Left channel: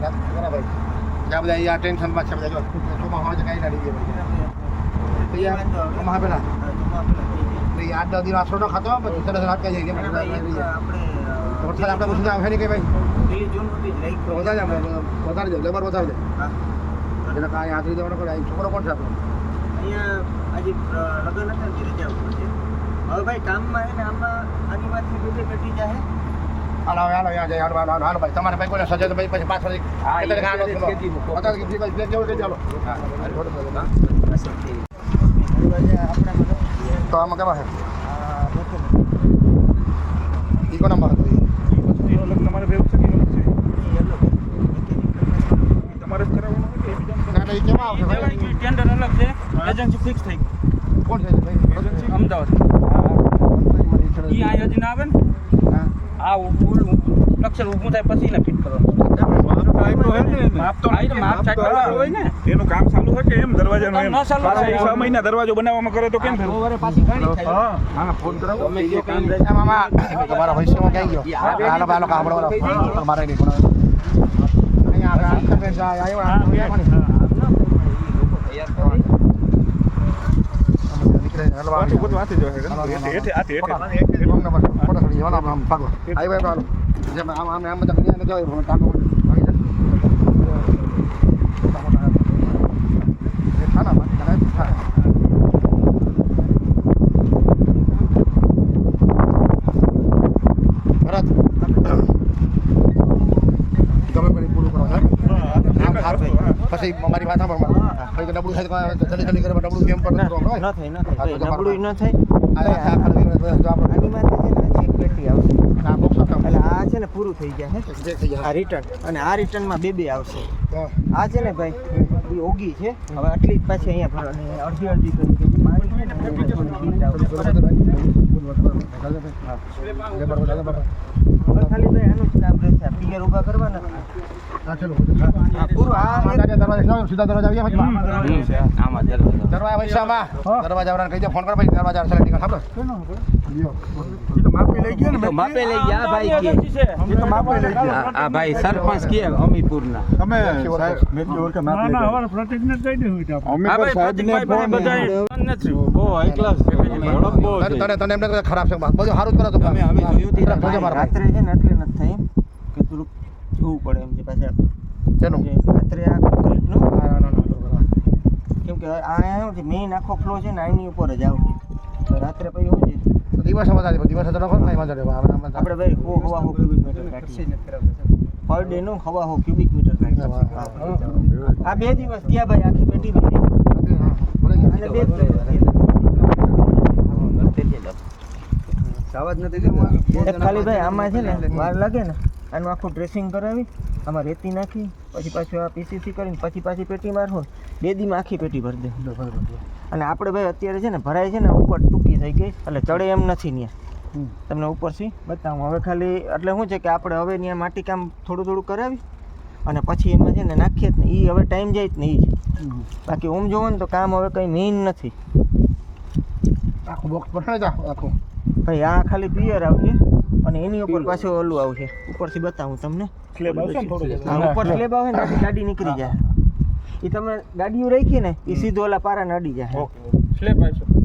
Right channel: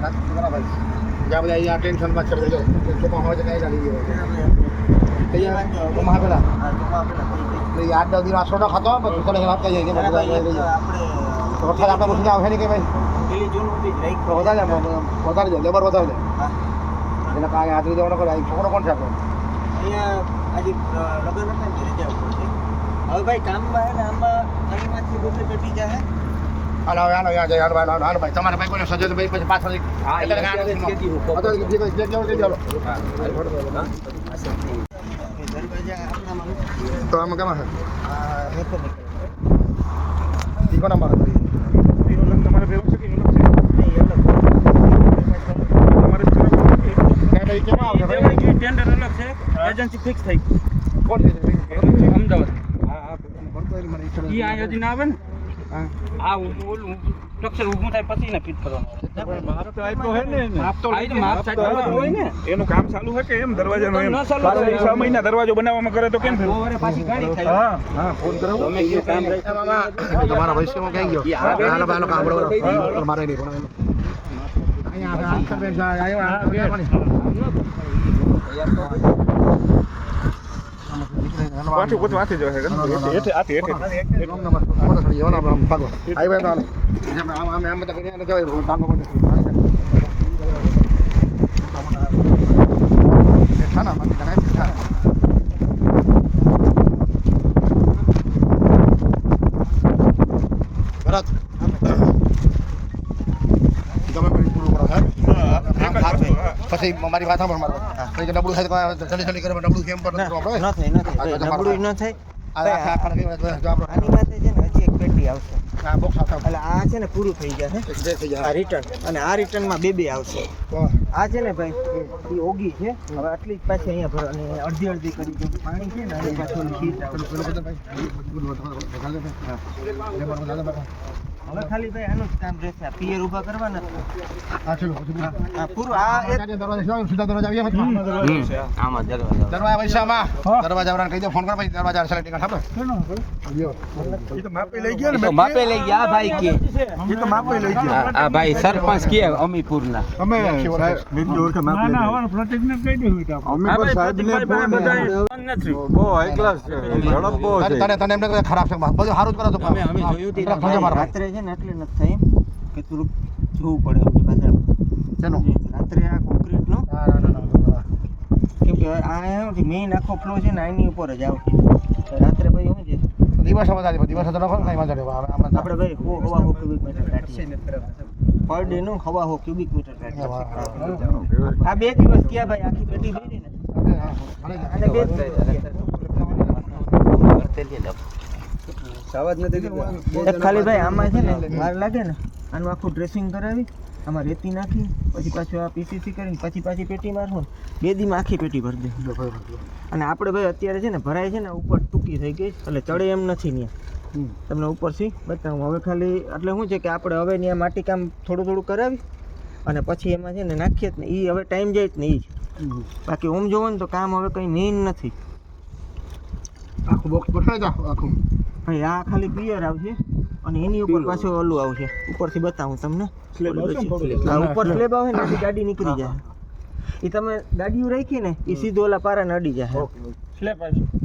ભાઈ જ્યાં બધા અહીંયા ટેન્શનમાં છે બધા ચોમા હોય છે કઈ ગાડી અહીંયા ચોમા પેલા એટલે આઠ દસ દિવસ ન ખાતો પછી રાત કઈ કે વરસાદ આપણે પછી આવે નહીં કે ભાઈ તો વધારે વધારે જાય લેબર વધારે જાય એને કાંઈ હાથરી દેવાનો કરે છોકરો કોણ છે આપણો હવે ભાઈ કામમાં હે ને આમાં આનીમાંથી બધે પેટી જાય હાલો હાલો યાર હાલો હાલો હાલો ભાઈ તમારા ભાઈ કોઈને સજે તો ભાઈ પછી પાછળ હા, એટલે ગાનો. અત્યારે કીધી ભાઈ પ્લેટ હાલો. હા, હાલો. તો આમાં કેમાં છે કોનો તમારે ભેગું છે કે છે તમારે ઈ કેમાં આવશે ભાઈ? ટેન્ડર અલગ છે એજન્સી ફિક્સ થઈ કોણ છે? અમદાવાદ ઈ આ હજી આવે ને હા. આ ઓલું સ્ટ્રક્ચર ઊભું થાય પછી ને ફિટ કરવાનું. હોય એનું કામ ચાલુ છે કે એમ દરવાજાનું એમ? છ મહિના દરવાજો બનાવવામાં કરે તો કેમ ફેરવું? ઓવરે પાછી ગાડી થાય. હા. હા, ફોન કરો. એ મામા, તમારા ભવિષ્યમાં ક્યાં ગયો? મારે નહીં, પણ અહીંયા આવે, આ ખબર છે, આ આવ્યો, આ આવ્યો, હાલો, પાછું પોતું હાથે જ હોય છે. હેઠે- હેઠે- હાથે- હેઠે. એક નંબર, ફોટો ચડી ગયો, હાલો, આમ ભાગો. આવ્યો, હાલો. જેમ આમ, આમ, આમ બધા ગયા ને કહેવાય, હું તાંડવ કરી. બેઠા ના, બાકી કરાય, બેઠા. ભરત. તમે પણ પૂરું કરો સાહેબ એક જ વસ્તુ, હા. પછી મારી વાત સાંભળ મારો. પછી નબળું થાય તો જલ્દી જલ્દી કરે નબળું કેમ પણ ન થાય ન થાય નબળું ન થાય. આ આખા આખા જો આપણો આની માટે છે ને હજી એક પેટી આવશે. આ બોક્સ એટલે આ છે ને પૂરું થઈ ગયા હે. આ રિટર્ન અને આ રિટર્નમાં બે બે આવશે. તો આ છે ને ભાઈ એ ઓગી છે. હવે આટલી જ પાછી અહીંયા ભરો અને અડધી અડધી કરી દો. હા. હવે ખાલી ભાઈ આનું જ કામ રહેશે. આ પિયર ઊભા કરવાના હા, ચલો. હા. હા પૂરું. આ આ એક તારે દરવાજે છે, સીધા દરવાજા આવીએ પછી. આમાં દરવાજો. દરવાજા પૈસામાં દરવાજા વાળાને કહી દે ફોન કરો પછી દરવાજા સેલેક્ટ ટિકિટ આપડે લ્યો. તો માપી લઈ ગયા ને માપે લઈ ગયા આ ભાઈ કે. ઈ તો માપી લઈ ગયા. આ આ ભાઈ સરપંચ કે અમીપુરના. તમે સાહેબ, મેં કીધું કે માપી લઈ ગયા. અમે પણ સાહેબને ફોન નથી. બહુ હાઈ ક્લાસ છે ઝડપ બહુ તને તને તને એમ લાગે ખરાબ છે બધું સારું જ કરો તો અમે- અમે જોયું રાત્રે છે ને એટલે નથી થાય કે થોડુંક જોવું પડે એમ છે પાછા ચાલો. રાત્રે આ કોન્ક્રીટનું. કેમ કે આ એમ છે મેઇન આખો ફ્લો છે ને આની ઉપર જ આવતી રાત્રે ભાઈ શું છે? દિવસ વધારે દિવસે તો લખો ને કાંઈ વાંધો નહીં. હવે આપણે ભાઈ હો હવા હો ક્યુબિક મીટર પર ડે નું હવા હો ક્યુબિક મીટર આ બે દિવસ ગયા ભાઈ આખી પેટી ભરી. અને બે જ એક ખાલી ભાઈ આમાં છે ને વાર લાગે ને આનું આખું ડ્રેસિંગ કરાવી આમાં રેતી નાખી પછી પાછું આ પીસીસી કરીને પછી પાછી પેટી મારવું. ને બે દીમાં આખી પેટી ભરી દે. અને આપણે ભાઈ અત્યારે છે ને ભરાય છે ને ઉપર ટૂંકી થઈ ગઈ એટલે ચડે એમ નથી ત્યાં તમને ઉપરથી બતાવું. હવે ખાલી એટલે શું છે કે આપણે હવે ત્યાં માટી કામ થોડું થોડું કરાવી અને પછી એમાં છે ને નાખીએ જ ને એ હવે ટાઈમ જાય જ ને એ જ. બાકી ઓમ જોવો ને તો કામ હવે કંઈ મેઇન નથી. આખું બોક્સ ગોઠવાઈ આખું. ભાઈ આ ખાલી પિયર આવશે અને એની ઉપર પાછું ઓલું આવશે. ઉપરથી બતાવું તમને? હા ઉપર સ્લેબ આવે ને ત્યાંથી ગાડી નીકળી જાય. એ તમે ગાડીઓ રાખી ને એ સીધો ઓલા પારાને અડી જાય. સ્લેબ આવશે.